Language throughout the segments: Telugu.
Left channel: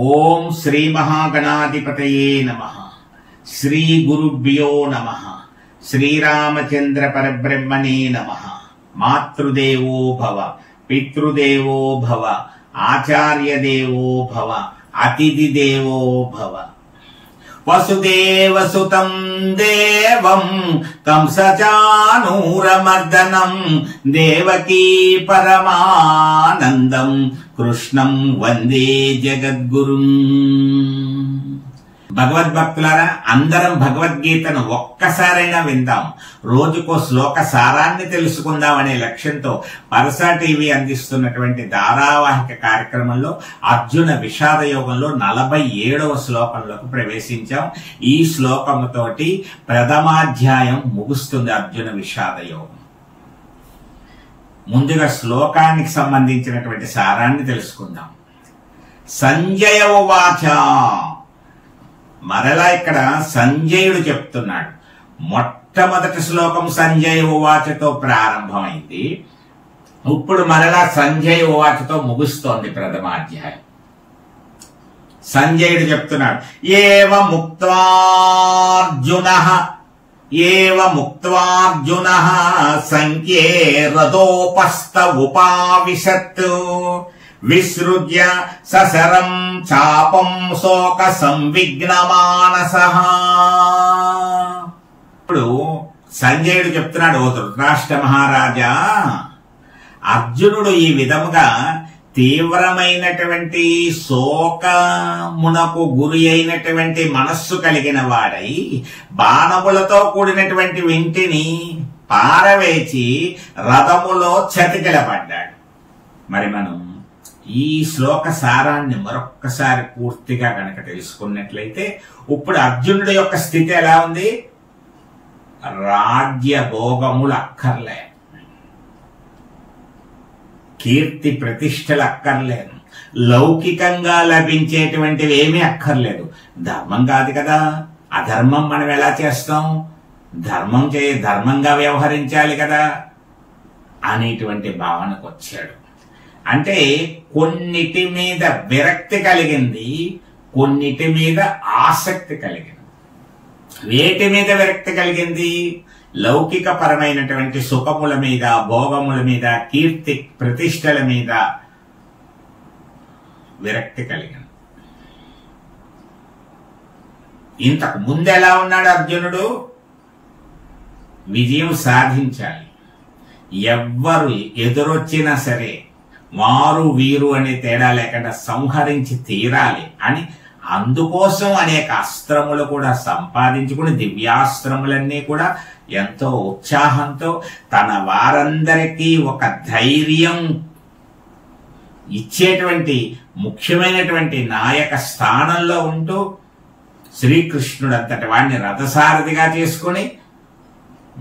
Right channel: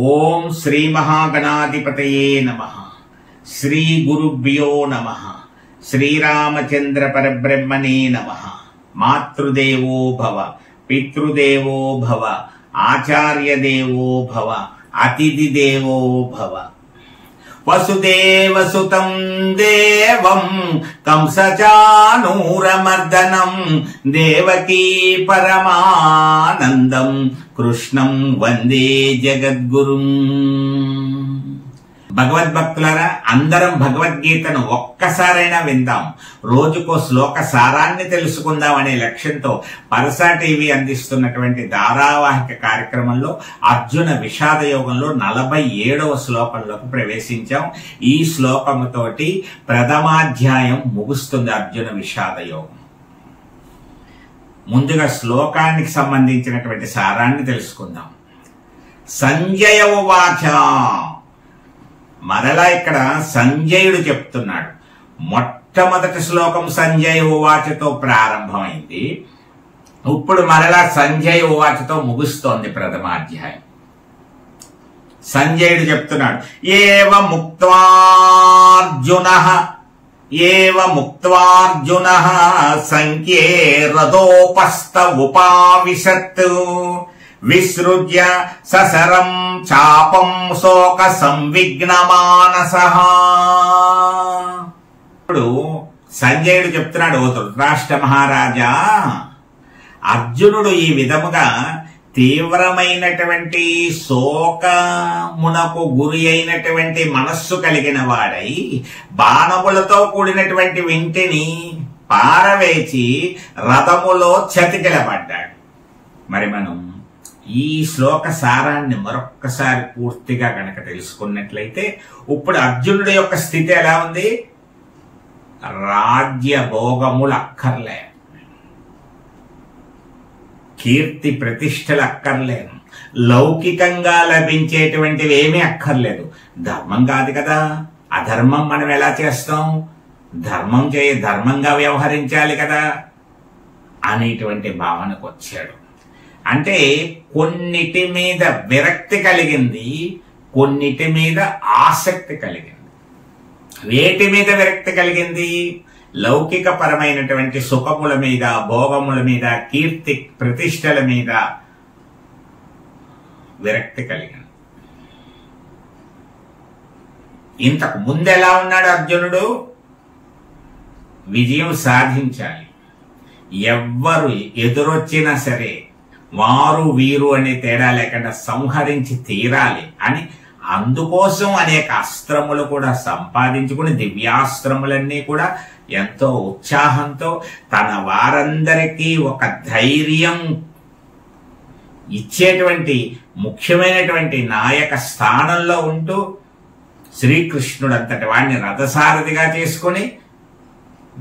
ఓం శ్రీ మహాగణాధిపతయే నమః. శ్రీ గురుభ్యో నమః. శ్రీరామచంద్ర పరబ్రహ్మణే నమః. మాతృదేవో భవ, పితృదేవో భవ, ఆచార్యదేవో భవ, అతిథి దేవో భవ. వసుదేవసుతం దేవం కంసచానూరమర్దనం దేవకీ పరమానందం కృష్ణం వందే జగద్గురుం. భగవద్భక్తులారా, అందరం భగవద్గీతను ఒక్కసారైనా విందాం. రోజుకో శ్లోక సారాన్ని తెలుసుకుందాం అనే లక్ష్యంతో పరసా టీవీ అందిస్తున్నటువంటి ధారావాహిక కార్యక్రమంలో అర్జున విషాద యోగంలో 47వ శ్లోకంలోకి ప్రవేశించాం. ఈ శ్లోకముతోటి ప్రథమాధ్యాయం ముగుస్తుంది. అర్జున విషాద యోగం. ముందుగా శ్లోకానికి సంబంధించినటువంటి సారాన్ని తెలుసుకుందాం. సంజయ ఉవాచ. మరలా ఇక్కడ సంజయుడు చెప్తున్నాడు. మొట్టమొదటి శ్లోకం సంజయ ఉవాచతో ప్రారంభమైంది. ఇప్పుడు మరలా సంజయ ఉవాచతో ముగుస్తోంది ప్రథమాధ్యాయం. సంజయుడు చెప్తున్నాడు, ఏవ ముక్త్వార్జునః సంఖ్యే రథోపస్థ ఉపావిశత్ విసృజ్య ససరం చాపం శోక సంవిఘ్నమానసః. ఇప్పుడు సంజయుడు చెప్తున్నాడు, ఓ ధృతరాష్ట్ర మహారాజా, అర్జునుడు ఈ విధముగా తీవ్రమైనటువంటి శోకమునకు గురి అయినటువంటి మనస్సు కలిగిన వాడై బాణములతో కూడినటువంటి వింటిని పారవేచి రథములో చతికిలపడ్డాడు. మరి మనం ఈ శ్లోక సారాన్ని మరొక్కసారి పూర్తిగా కనుక తెలుసుకున్నట్లయితే ఇప్పుడు అర్జునుడి యొక్క స్థితి ఎలా ఉంది? రాజ్య భోగములు అక్కర్లే, కీర్తి ప్రతిష్టలు అక్కర్లేదు, లౌకికంగా లభించేటువంటివి ఏమీ అక్కర్లేదు. ధర్మం కాదు కదా, అధర్మం మనం ఎలా చేస్తాం? ధర్మంగా వ్యవహరించాలి కదా అనేటువంటి భావనకు వచ్చాడు. అంటే కొన్నిటి మీద విరక్తి కలిగింది, కొన్నిటి మీద ఆసక్తి కలిగింది. వేటి మీద విరక్తి కలిగింది? లౌకిక పరమైనటువంటి సుఖముల మీద, భోగముల మీద, కీర్తి ప్రతిష్టల మీద విరక్తి కలిగింది. ఇంతకు ముందెలా ఉన్నాడు అర్జునుడు? విజయం సాధించాలి, ఎవ్వరు ఎదురొచ్చినా సరే వారు వీరు అనే తేడా లేకుండా సంహరించి తీరాలి అని అందుకోసం అనేక అస్త్రములు కూడా సంపాదించుకుని దివ్యాస్త్రములన్నీ కూడా ఎంతో ఉత్సాహంతో తన వారందరికీ ఒక ధైర్యం ఇచ్చేటువంటి ముఖ్యమైనటువంటి నాయక స్థానంలో ఉంటూ శ్రీకృష్ణుడు అంతటి వాడిని రథసారథిగా చేసుకుని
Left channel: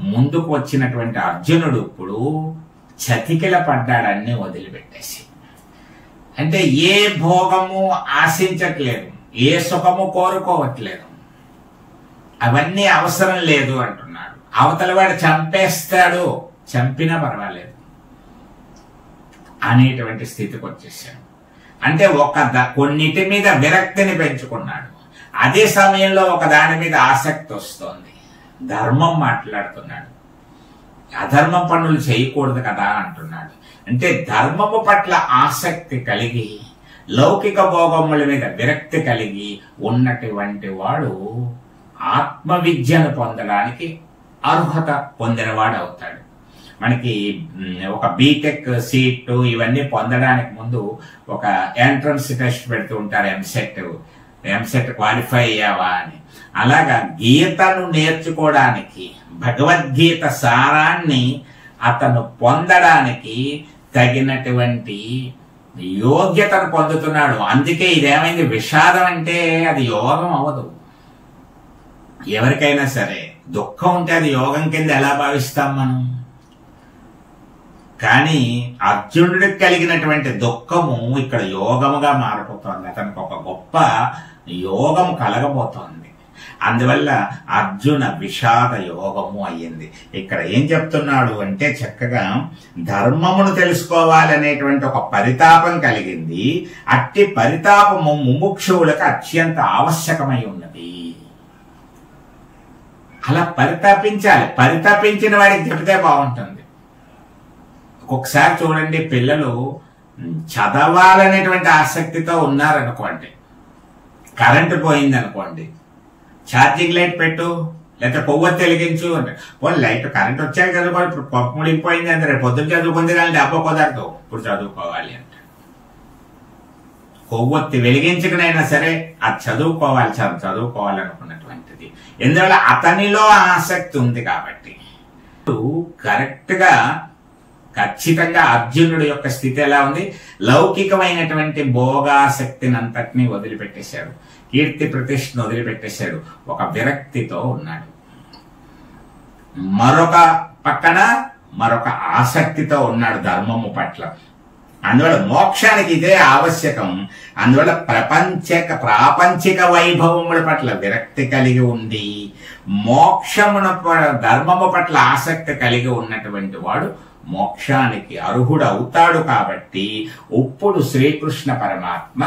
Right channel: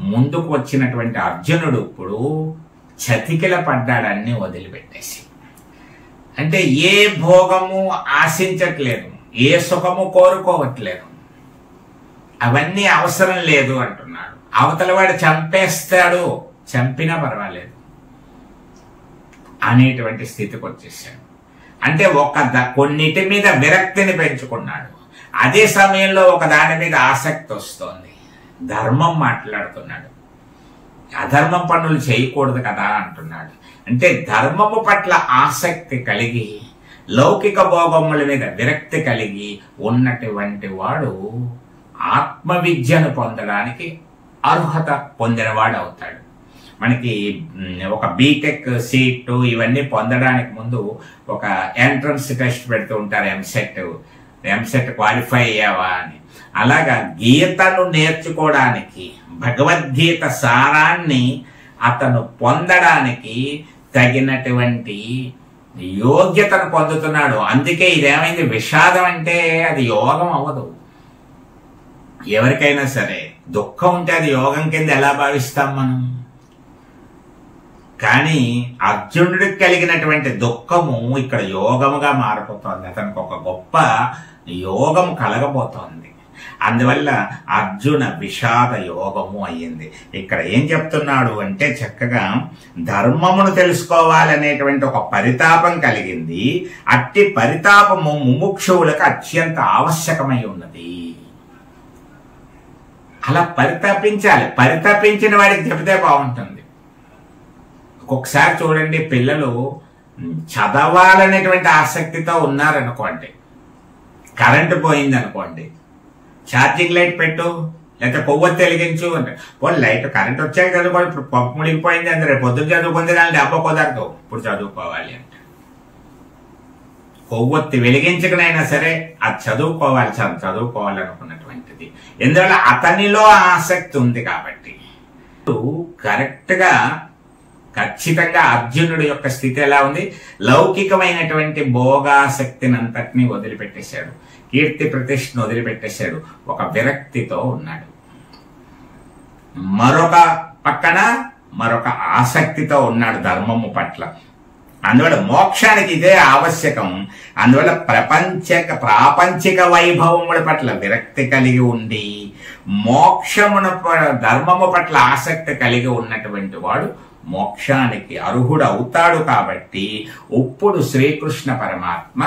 ముందుకు వచ్చినటువంటి అర్జునుడు ఇప్పుడు చతికిల పడ్డాడన్ని వదిలిపెట్టేసి. అంటే ఏ భోగము ఆశించట్లేదు, ఏ సుఖము కోరుకోవట్లేదు, అవన్నీ అవసరం లేదు అంటున్నాడు. అవతల వాడు చంపేస్తాడు, చంపినా పర్వాలేదు అనేటువంటి స్థితికి వచ్చేసాడు. అంటే కొన్నిటి మీద విరక్తిని పెంచుకున్నాడు. అదే సమయంలో ఒక దాని మీద ఆసక్తి వస్తోంది. ధర్మం మాట్లాడుతున్నాడు, అధర్మం పనులు చేయకూడదు కదా అంటున్నాడు. అంటే ధర్మము పట్ల ఆసక్తి కలిగి లౌకిక భోగముల మీద విరక్తి కలిగి ఉన్నటువంటి వాడు ఆత్మవిద్యను పొందడానికి అర్హత పొందినవాడు అవుతాడు. మనకి ఒక బీటెక్ సీట్ ఇవన్నీ పొందడానికి ముందు ఒక ఎంట్రన్స్ టెస్ట్ పెడుతూ ఉంటారు, ఎంసెట్ క్వాలిఫై అయ్యావా అని. అలాగా గీతను నేర్చుకోవడానికి, భగవద్గీత సారాన్ని అతను పొందడానికి తగినటువంటి యోగ్యతను పొందుతున్నాడు. అందుకే ఇదేమైంది, విషాదం అంటే అది యోగం అవ్వదు. ఎవరికైనా సరే దుఃఖం ఉంటే అది యోగం కింద ఎలా భావిస్తాం మనం? కానీ అర్జునుడికి కలిగినటువంటి దుఃఖము ఇక్కడ యోగముగా మారిపోతోంది. అతనికి ఒక గొప్ప యోగం కలగబోతోంది. అందువల్ల అర్జున విషాద యోగము అయ్యింది. ఇక్కడ ఏం చెప్తున్నాడు అంటే చక్కగా ధర్మమును తెలుసుకోవాలనేటువంటి ఒక పరితాపం కలిగింది. అట్టి పరితాపము ముముక్షువులకు అత్యంత ఆవశ్యకమై ఉన్నది. అలా పరితాపించాలి. పరితాపించిన వాడికి చెబితే బాగుంటుంది. ఒక్కొక్కసారి చూడండి, పిల్లలు చదవాలనేటువంటి ఆసక్తితో ఉన్నారనుకోండి, కరెంటు పోయింది అనుకోండి, ఛార్జింగ్ లైట్ పెట్టు లేకపోతే కొవ్వొత్తి వెలిగించు అంటే, పోనీ లైట్ కరెంట్ వచ్చాక చదువుకోవాలి, ఇప్పుడు పంపు ముడిగిపోయింది అంటే రేపు పొద్దున్న చదువుకుంది కానీ డబ్బా కుదరదు, ఇప్పుడు చదువుకోవాలి అంటే కొవ్వొత్తి వెలిగించకనైనా సరే అది చదువుకోవాలనుకున్నటువంటిది. ఎందువల్ల అతనిలో ఆసక్తి ఉంది కాబట్టి. కరెక్ట్ గా ఖచ్చితంగా అర్జునుడి యొక్క స్థితి ఎలా ఉంది? లౌకికమైనటువంటి భోగాసక్తిని అంతటినీ వదిలిపెట్టేశాడు, కీర్తి ప్రతిష్టను వదిలిపెట్టేశాడు, ఒక విరక్తితో ఉన్నాడు. మరొక పక్కన మరొక ఆసక్తితో ఉన్నాడు ధర్మము పట్ల. అందువల్ల మోక్షానికి ఇదే ఆవశ్యకం. అందువల్ల ప్రాపంచిక వైభవముల పట్ల విరక్తి కలిగి ఉండి ధర్మము పట్ల ఆసక్తి కలిగి ఉన్నటువంటి వాడు మోక్షానికి అర్హుడు అవుతాడు. కాబట్టి ఇప్పుడు శ్రీకృష్ణ పరమాత్మ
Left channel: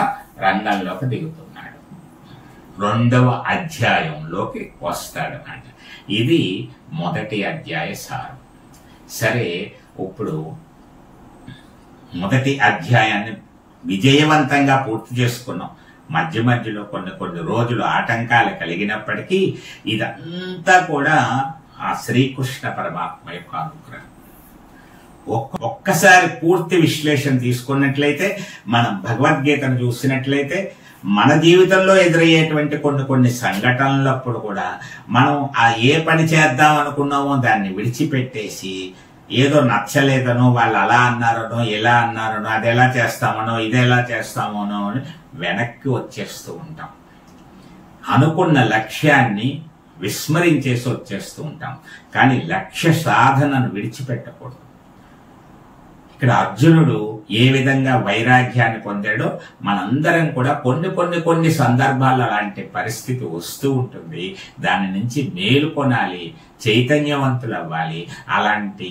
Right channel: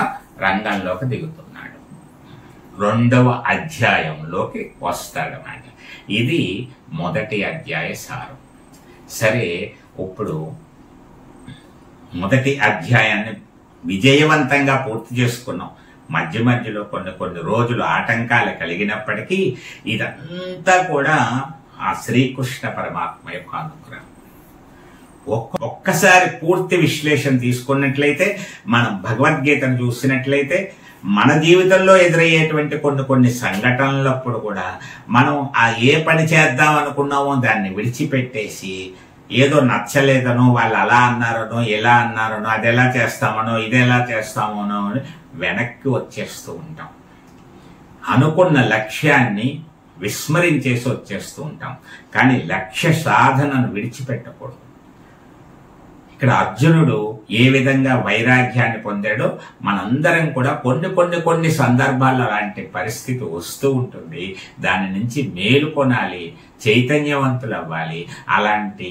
రంగంలోకి దిగుతున్నాడు, 2వ అధ్యాయంలోకి వస్తాడన్నమాట. ఇది మొదటి అధ్యాయ సారం. సరే, ఇప్పుడు మొదటి అధ్యాయాన్ని విజయవంతంగా పూర్తి చేసుకున్నాం. మధ్య మధ్యలో కొన్ని రోజులు ఆటంకాలు కలిగినప్పటికీ ఇదంతా కూడా ఆ శ్రీకృష్ణ పరమాత్మ యొక్క అనుగ్రహం. ఒక్కసారి పూర్తి విశ్లేషణ తీసుకున్నట్లయితే, మనం భగవద్గీతను చూసినట్లయితే, మన జీవితంలో ఎదురయ్యేటువంటి కొన్ని సంఘటనలప్పుడు కూడా మనం ఏ పని చేద్దాం అనుకున్నామో దాన్ని విడిచిపెట్టేసి, ఏదో నచ్చలేదనో, వాళ్ళు అలా అన్నారనో, ఎలా అన్నారనో, అది ఎలా చేస్తామనో, ఇది ఎలా చేస్తామనో అని వెనక్కి వచ్చేస్తూ ఉంటాం. అనుకున్న లక్ష్యాన్ని విస్మరించేసి వచ్చేస్తూ ఉంటాం. కానీ లక్ష్య సాధనను విడిచిపెట్టకూడదు. ఇక్కడ అర్జునుడు ఏ విధంగా వైరాగ్యాన్ని పొందాడో మనందరం కూడా కొన్ని సందర్భాల్లో అలాంటి పరిస్థితి వస్తూ ఉంటుంది. దాని నుంచి మేలుకొనాలి, చైతన్యవంతులు అవ్వాలి. అలాంటి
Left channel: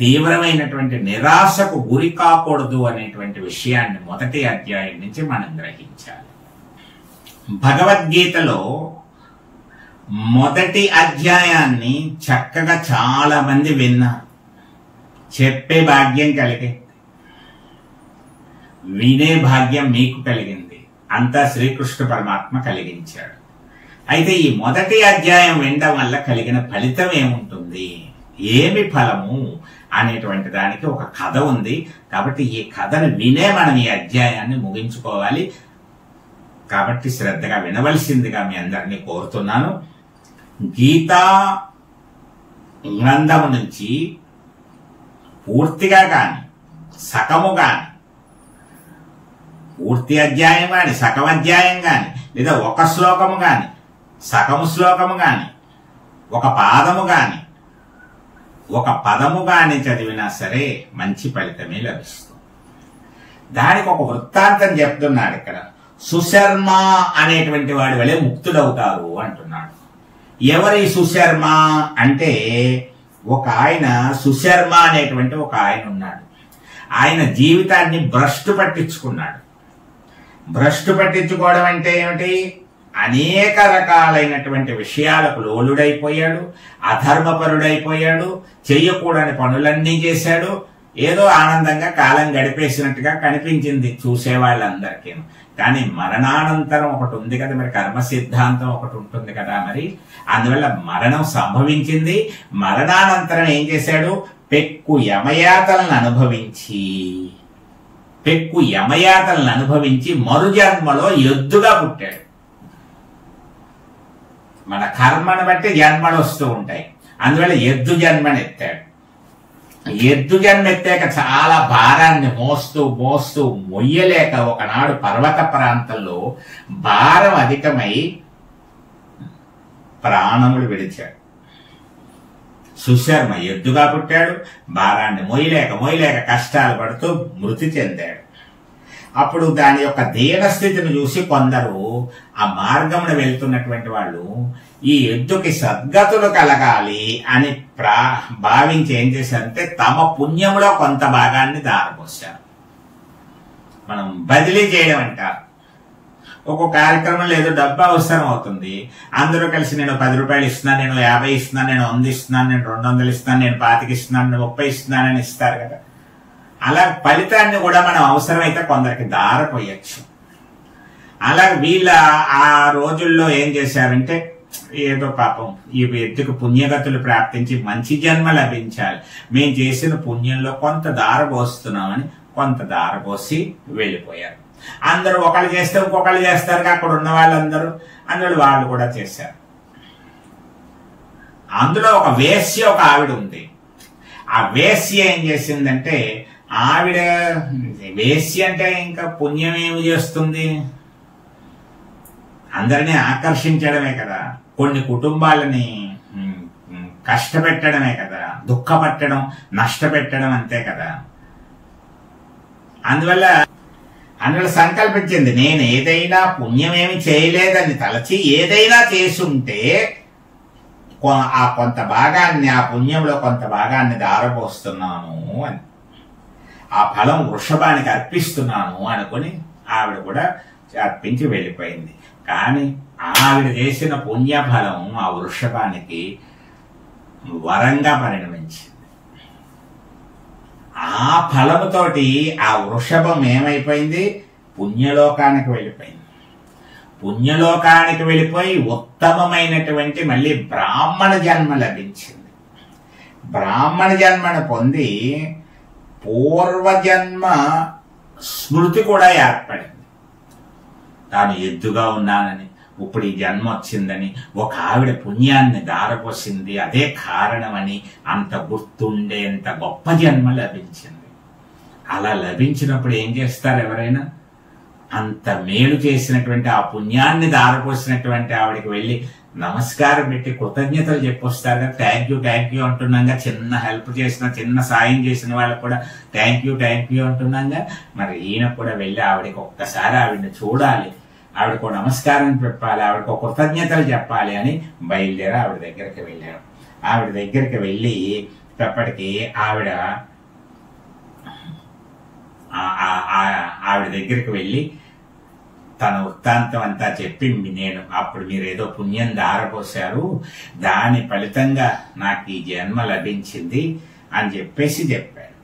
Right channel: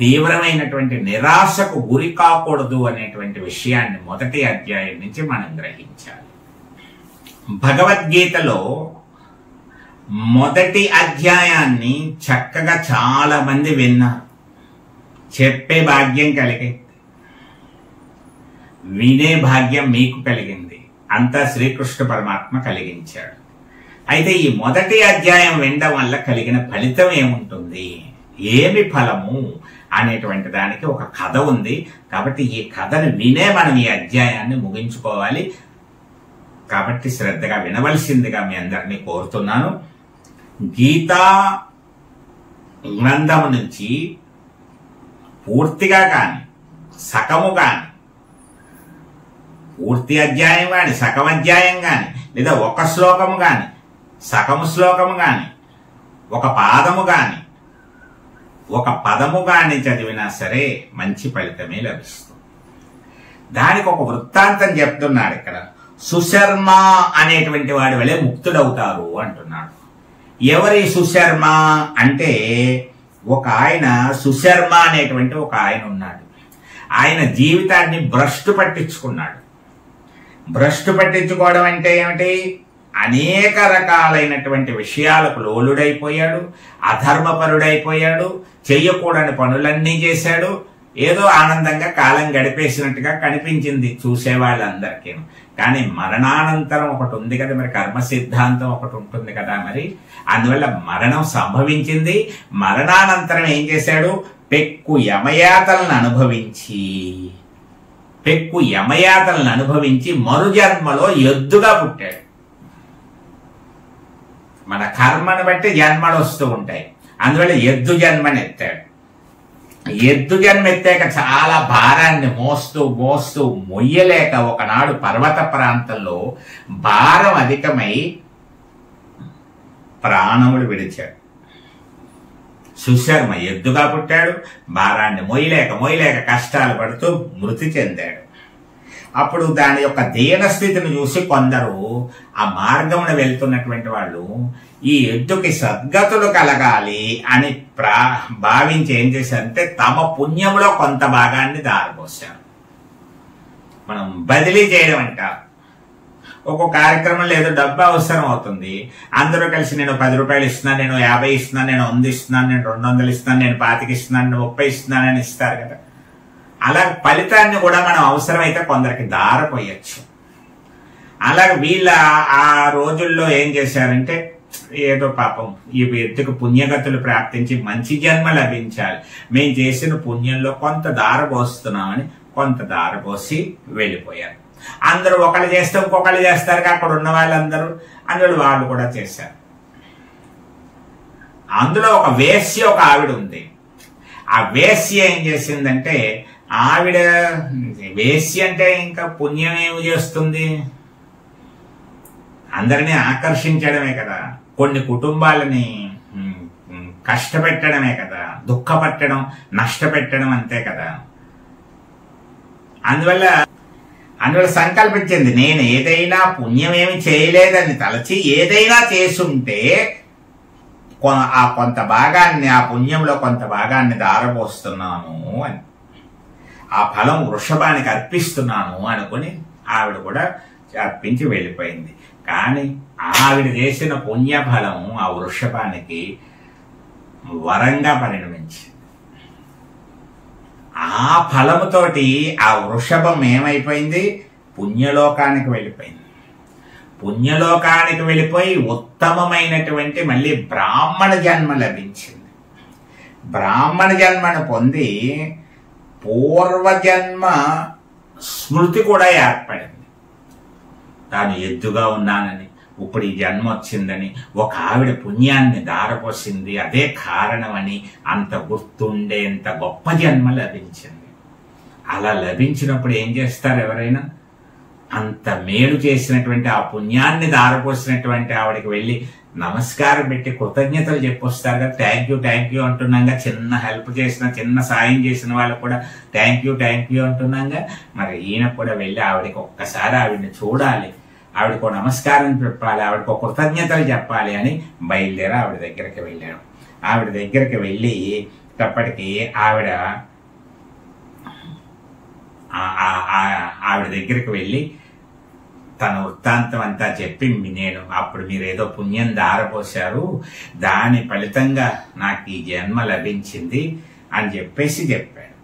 తీవ్రమైనటువంటి నిరాశకు గురి కాకూడదు అనేటువంటి విషయాన్ని మొదటి అధ్యాయం నుంచి మనం గ్రహించాలి. భగవద్గీతలో మొదటి అధ్యాయాన్ని చక్కగా చాలా మంది విన్నారు, చెప్పే భాగ్యం కలిగింది, వినే భాగ్యం మీకు కలిగింది, అంతా శ్రీకృష్ణ పరమాత్మ కలిగించాడు. అయితే ఈ మొదటి అధ్యాయం వినడం వల్ల కలిగిన ఫలితం ఏముంటుంది, ఏమి ఫలము అనేటువంటి దానికి ఒక కథ ఉంది. కాబట్టి ఈ కథను వినే మనం ఈ అధ్యాయాన్ని ముగించుకోవాలి. కాబట్టి శ్రద్ధగా వినవలసిందిగా మీ అందరినీ కోరుతున్నాను. గీతా గ్రంథము నుంచి పూర్తిగా కాని, సగము కాని, పూర్తి అధ్యాయం కాని, సగం అధ్యాయం కాని, లేదా ఒక శ్లోకము కాని, సగము శ్లోకము కాని, ఒక పాదము కాని, ఒక పదము కాని చదివినా సరే మంచి ఫలితమే లభిస్తుంది. దానికి ఒక వృత్తాంతం చెప్తున్నాడు ఇక్కడ. సుశర్మ అనేటువంటి వాడి వలె ముక్తుడవుతారు అంటున్నాడు. ఎవరి సుశర్మ అంటే, ఒక ఆయన సుశర్మ అనేటువంటి ఒక ఆయన ఉన్నాడు. ఆయన జీవితాన్ని భ్రష్టు పట్టించుకున్నాడు. భ్రష్టు పట్టించుకోవడం అంటే ఏమిటి? అనేక రకాలైనటువంటి విషయాలకు లోలుడైపోయాడు, అధర్మపరుడైపోయాడు, చెయ్యకూడని పనులన్నీ చేశాడు. ఏదో ఆనందంగా కాలం గడిపేసినట్టుగా కనిపించింది చూసేవాళ్ళందరికీ. కానీ మరణానంతరం ఒకటి ఉంది కదా, మరి కర్మ సిద్ధాంతం ఒకటి ఉంటుంది కదా, మరి అందువల్ల మరణం సంభవించింది. మరణానంతరం ఏం చేశాడు? పెక్కు యమయాతలను అనుభవించి మరు జన్మలో ఎద్దుగా పుట్టాడు. మన కర్మను బట్టి జన్మలు వస్తూ ఉంటాయి. అందువల్ల ఎద్దు జన్మని ఎత్తాడు. ఎద్దు జన్మ ఎత్తాక చాలా భారాన్ని మోస్తూ మొయ్యలేక ఒకనాడు పర్వత ప్రాంతంలో భారం అధికమై ప్రాణములు విడిచాడు. సుశర్మ ఎద్దుగా పుట్టాడు, భారాన్ని మొయ్యలేక కష్టాలు పడుతూ మృతి చెందాడు. అప్పుడు దాని యొక్క దీనస్థితిని చూసి కొందరు ఆ మార్గమున వెళ్తున్నటువంటి వాళ్ళు ఈ ఎద్దుకి సద్గతులు కలగాలి అని భావించి ఏం చేశారంటే తమ పుణ్యంలో కొంత భాగాన్ని దారపోశారు. మనం బదిలీ చేయడం అంటారు. ఒక్కొక్క కార్యక్రమంలో ఏదో డబ్బు అవసరం అవుతుంది, అందరూ కలిసి నేను 10 రూపాయలు ఇస్తున్నాను, నేను 50 ఇస్తున్నాను, నేను 100 ఇస్తున్నాను, నేను 200 ఇస్తున్నాను, నేను 25 ఇస్తున్నాను, నేను 30 ఇస్తున్నానని ఇస్తారు కదా. అలా ఫలితాన్ని కూడా మనం అవసరమైతే కొందరికి దారపోయచ్చు. అలాగే వీళ్ళ ఆ రోజుల్లో ఏం చేశారంటే ఏదో పాపం ఈ ఎద్దుకు పుణ్యగతులు ప్రాప్తించి మంచి జన్మ లభించాలి, మేము చేసిన పుణ్యంలో కొంత దారపోస్తున్నామని కొంత దారపోసి వెళ్ళిపోయారు. అందరూ ఒకళ్ళు చేస్తే ఇంకొకళ్ళు చేస్తారు, అక్కడ ఉన్న వాళ్ళందరూ అందులో వాళ్ళు కూడా చేశారు. అందులో ఒక వేశ్య ఒక ఆవిడ ఉంది. ఆ వేశ్య ఏం చేసిందంటే, ఆవిడ వేశ్య అంటే ఇంకా పుణ్యం ఏమి చేస్తుంది, అందరినీ ఆకర్షించడమే కదా, కొన్ని కుటుంబాలని కష్టపెట్టడమే కదా, దుఃఖపట్టడం, నష్టపెట్టడం అంతే కదా. అందువల్ల సంకల్పించింది, నేను ఏదైనా పుణ్యమేమి చేయలేదని తలచి ఏదైనా చేసుంటే ఆ కొంత భాగాన్ని, ఆ పుణ్యంలో కొంత భాగాన్ని దారపోస్తున్నాను అని, ఆ ఫలం వృషభానికి అర్పిస్తున్నాను అనుకుని ఆవిడ కూడా అర్పించి వెళ్ళిపోయింది. కానీ ఆవిడ చేసిన పుణ్యఫలం ఆ వృషభానికి వరంగా పరిణమించింది. ఆ ఫలముతోటి ఆ వృషభం ఏమైపోయింది, పుణ్యలోకానికి వెళ్ళిపోయింది. పుణ్యలోకానికి వెళ్ళిపోయి ఉత్తమమైనటువంటి మళ్ళీ బ్రాహ్మణ జన్మ లభించింది. బ్రాహ్మణ జన్మను పొంది పూర్వజన్మ స్మృతి కూడా ఏర్పడింది. తాను ఎద్దుగా ఉన్నానని, ఇప్పుడు ఈ జన్మ వచ్చిందని, ఒక ఆవిడ పుణ్యాన్ని దారపోసింది, అదే కారణమని అంత గుర్తుండేంత గొప్ప జన్మ లభించింది. అలా లభించినప్పుడు ఏం చేస్తారు ఎవరైనా, అంత మేలు చేసినటువంటి ఆ పుణ్యాన్ని దారపోసినటువంటి ఆవిడకి వెళ్ళి నమస్కారం పెట్టి కృతజ్ఞతలు చెప్పొస్తారు కదా. థ్యాంక్ యూ అంటున్నాగా, చిన్న హెల్ప్ చేసిన, చిన్న సాయం చేసిన వాళ్ళకు కూడా థ్యాంక్ యూ అంటున్నాగా. మరి ఈయన కూడా వెళ్ళి ఆవిడకి ఒక్కసారి ఆవిడని చూడాలి, ఆవిడకు నమస్కారం చెప్పాలి, ఆవిడకు కృతజ్ఞతలు చెప్పాలి అని బయలుదేరి ఆవిడ దగ్గరికి వెళ్ళాడు. ఆవిడ దగ్గరికి వెళ్ళేటప్పటికి ఆవిడ దగ్గరికి వెళ్ళి తన వృత్తాంతం అంతా చెప్పి, నేను అప్పుడు మీరేదో పుణ్యం దారపోశారు, దాని ఫలితంగా నాకు ఈ జన్మ లభించింది అని చెప్పాడు.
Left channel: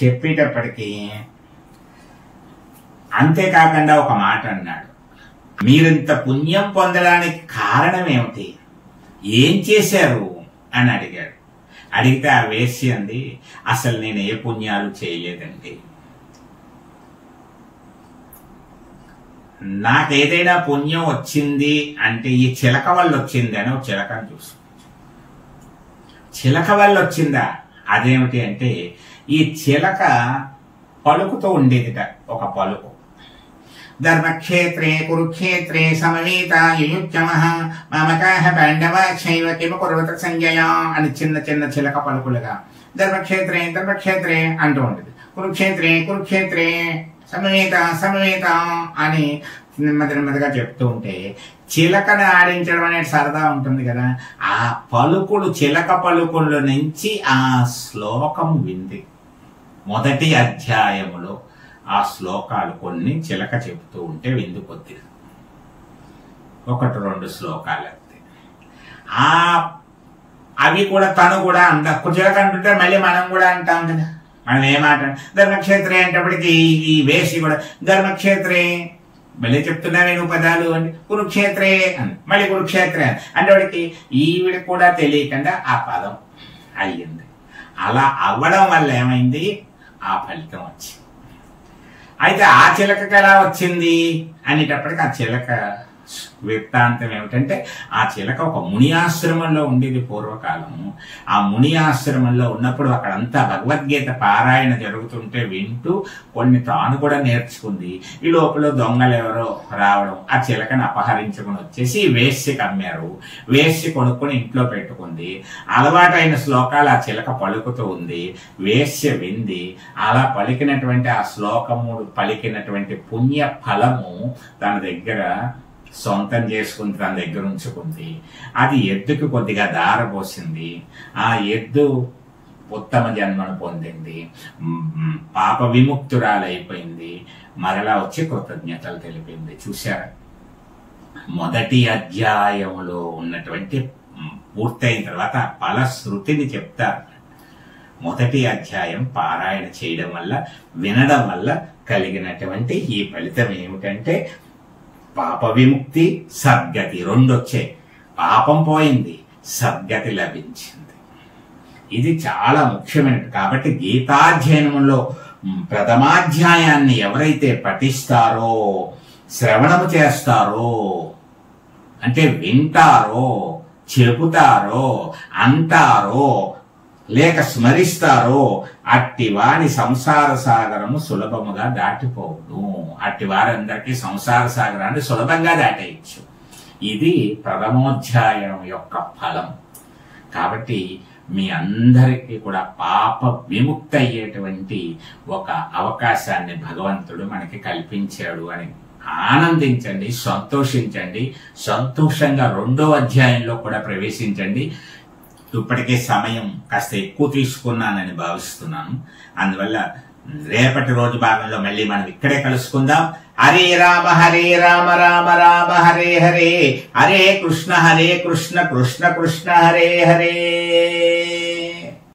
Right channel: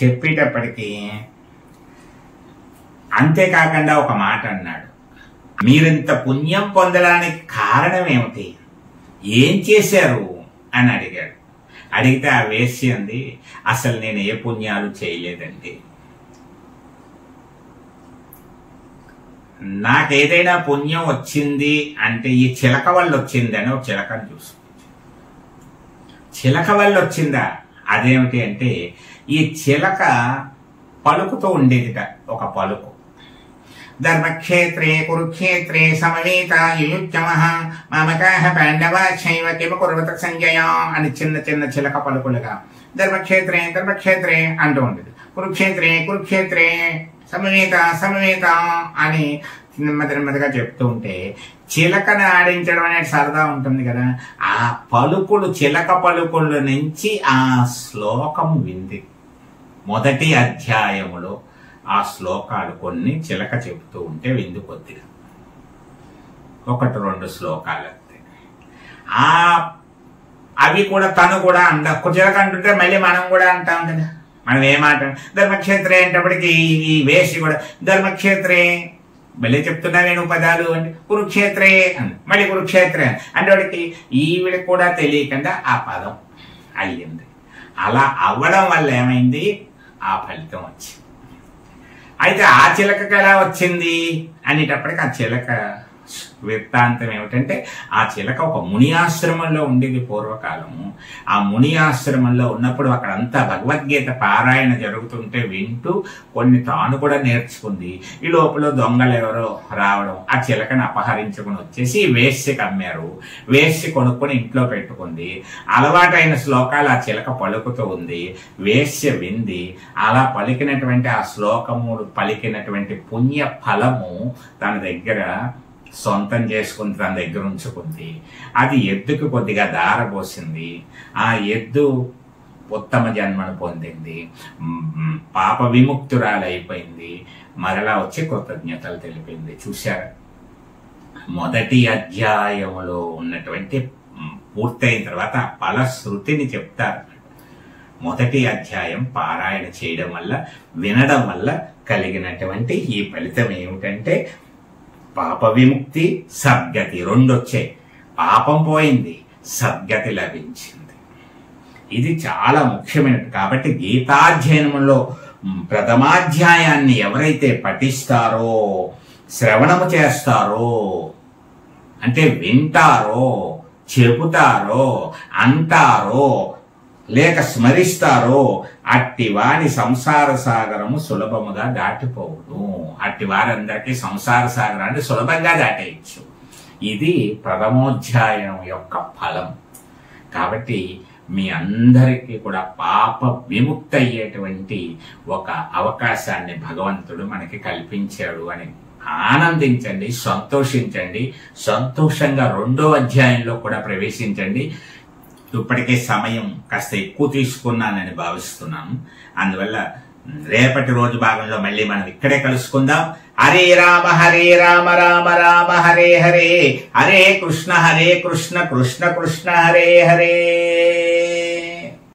చెప్పేటప్పటికి అంతేకాకుండా ఒక మాట అన్నాడు, మీరింత పుణ్యం పొందడానికి కారణం ఏమిటి, ఏం చేశారు అని అడిగాడు. అడిగితే ఆ వేశ్య అంది, అసలు నేను ఏ పుణ్యాలు చేయలేదండి, నాకేదైనా పుణ్యం వచ్చింది అంటే ఈ చిలక వల్ల వచ్చింది అని ఒక చిలకను చూసు. చిలక వల్ల వచ్చిందా, అదేమిటి అంటే ఈ చిలక పలుకుతూ ఉండేదిట ఒక పలుకు. ధర్మక్షేత్రే కురుక్షేత్రే సమవేత యుయుచ్చమః మామకాః పాండవాశ్చైవ కిమ కుర్వత సంజయ అని చిన్న చిన్న చిలక పలుకులుగా ధర్మక్షేత్రే అంటూ ఉండేది. కురుక్షేత్రే సమవేత అని నెమ్మదిగా చెప్తూ ఉంటే చిలకను ఆడించడం అనేది సరదా ఉంటుంది కదా. ఆ పలుకులు, చిలక పలుకుల నుంచి ఆ శ్లోకం వింది. మొదటి అధ్యాయములో ఆ శ్లోకాలు కొన్ని చిలక చెప్తూ ఉంటే విందు కొద్దిగా 1-2 శ్లోకాలు అంతే. అవి కూడా తను కూడా చిలక అంటుంటే మళ్ళీ మనం కూడా అంటాం కదా. మనం ఏమాట ధర్మక్షేత్రే అంటప్పటికీ ఈ వేసి కూడా ధర్మక్షేత్రే మళ్ళీ చెప్తున్నా నేను పదాలు అంటే కురుక్షేత్రే అని మళ్ళీ కురుక్షేత్రే అంటే వాడికి ఈవిడికి కూడా తెలియకుండా ఆ పదం అయ్యింది. అలా అవ్వడం వల్ల ఏమైంది, ఆ ఫలితం వచ్చింది. అయితే ఆ చిలకకి ఎలా వచ్చింది అనేటప్పటికి ఆ చిలక చెప్పచ్చు. వృత్తాంతం ఏమిటంటే ఆ చిలక ఒక ముని ఆశ్రమంలో ఉండేది పూర్వకాలము. ఆ ముని ఆశ్రమంలో ఉన్నప్పుడు అక్కడంతా భగవద్గీత పారాయణ జరుగుతుంటే వింటూ కొన్ని తాను కూడా నేర్చుకుంది. ఈ లోపల దొంగలు ఎవరో రావడం, ఆ చిలకను అపహరించుకుని వచ్చేసి వేశ్యకి అమ్మారు. వేశ్య కొనుక్కొని ఇంట్లో పెట్టుకుంది. అలవాటైన శ్లోకాలు ఆ చిలక పలుకుతూ ఉంది. వేశ్య వింది. అలా పలికినటువంటి ఆ శ్లోకము పలికినటువంటి పుణ్య ఫలము తన దగ్గర సొంతం చేసుకుని తన దగ్గర ఉంచుకుంది. అది ఎద్దుకు కొద్దిగా దారపోసింది. ఆ ఎద్దు ఉత్తమ జన్మను పొందింది, పాప విముక్తురాలైపోయింది. మరలా వచ్చి కృతజ్ఞతలు తెలిపింది. చూశారా, మొదటి అధ్యాయంలో ఉన్నటువంటి పూర్తయిన తర్వాత ఫలశ్రుతిని చెప్తారు. మొదటి అధ్యాయం పారాయణ చేయడం వల్ల, వినడం వల్ల కలిగినటువంటి ఈ ఫలితం ఏమిటంటే పాప విముక్తి, సద్గతి రెండొచ్చాయి. పాపం పోయింది, సద్గతి లభించింది. ఇది చాలా ముఖ్యమైనది. కాబట్టి గీతాధ్యయనంలో ప్రథమాధ్యాయాన్ని ఎవరైతే పఠిస్తారో, శ్రవణము చేస్తారో, అంటే వింటారో, చెబుతారో, అంటారో, లేక స్మరిస్తారో, అట్టి వారి సంసార సాగరము సులభముగా దాటిపోవును. అట్టి వారందరికీ సంసార సాగరాన్ని సులభంగా దాటేయచ్చు. ఇది ప్రథమోధ్యాయం యొక్క ఫలం. కాబట్టి మీ అందరికీ కూడా పాప విముక్తి అయ్యేటువంటి ఒక అవకాశాన్ని భగవంతుడు మనకి కల్పించాడు అని ఆనందించండి, సంతోషించండి. సంతోషంగా రెండో అధ్యాయంలో కూడా ప్రవేశించండి. ఇప్పటికే సమయం కాస్త ఎక్కువ తీసుకున్నానని భావిస్తున్నాను. అందువల్ల రేపటి రోజు భాగంలో మళ్ళీ మనం ఇక్కడే కలుసుకుందాం. హరే రామ రామ రామ హరే హరే, హరే కృష్ణ కృష్ణ కృష్ణ హరే హరే.